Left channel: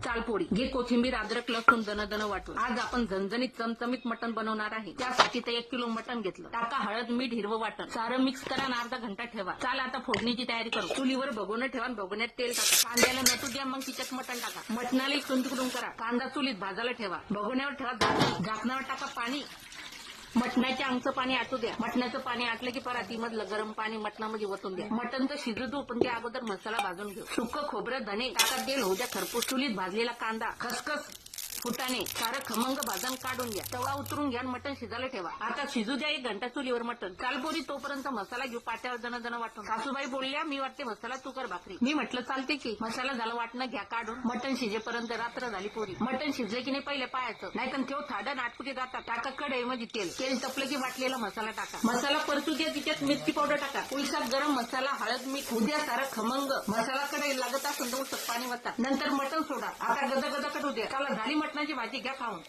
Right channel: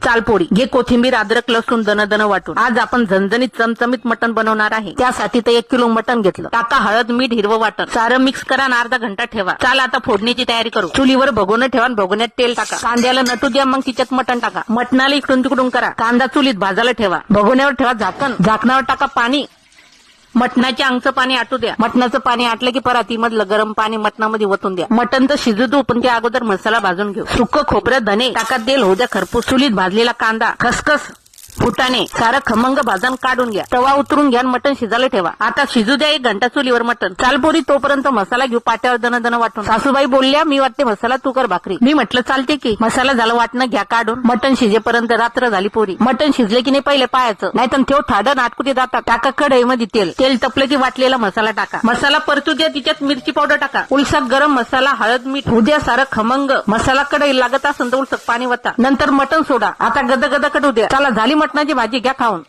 चाल पोळी घे कोथिंबीर अद्रक लसूण दन वाटून. आज आपण झणझणीत चमचमीत मटण बनवणार आहे. त्यासाठी तर 1 किलो मटण घेतलं. टाका हळद मीठ हिरवं वाटण. सारं मिक्स करा आणि अर्धा घंटा ठेवा. चाल आता फोडणीची तयारी करू. चुलीवर भगोनं ठेवा आणि भगोन्यात तेल टाका. कांद्याला नटू द्या मग तिच्यात मटण टाका. मटणाला इकडून तिकडून करा. कांदा चुलीत भाजायला ठेवा. भगोन्यावर ठेवा झाकण. झाकणावर टाका पाणी. मटणाच्या अंगचं पाणी आटू द्या. मटणाचं पाणी आटलं की परातीमधलं गरम पाणी मटणामध्ये ओतून द्या. मटण तर शिजू दू पण त्या अगोदर मसाला भाजून घेऊ. सुक्क खोबरं धने टाका. तेल होऊ द्या खरपूस. चुलीत भाजलेला कांदा खसखस फुटाणे सारं खमंग भाजून काढून घ्या. तवा उतरून घ्या. मटण शिजायला ठेवा. आता शिजू द्या 1 घंटा चुलीवर मटण. चालपोरी तोपर्यंत मसाला घेऊ. पाट्यावर दन वाटून. सासूबाई बोलल्या मी वाटते मसाला तू कर भाकरी. मी म्हटलं चालते की. मसाला झाला वाटणं घ्या काढून. मटण शिजेपर्यंत रात्र झाली पोरी. मटण शिजले की नाही पहिले पाहायचं नाहीतर ठेव ठाडं नाटकुटी जातात. टाका कढईमध्ये तेल तपलं की वाटलेला मसाला टाका. मसाला परतू द्या. तिच्यात मिरची पावडर टाका. उलसाक गरम मसाला हळद मीठ होऊ द्या सारं खमंग. मसाला कढई लागत असेल तर उलसक पाणी वता. नंतर मटण सोडा. आता गद कडू द्या. चला झाली मटणाची भाजी घ्या खाऊन.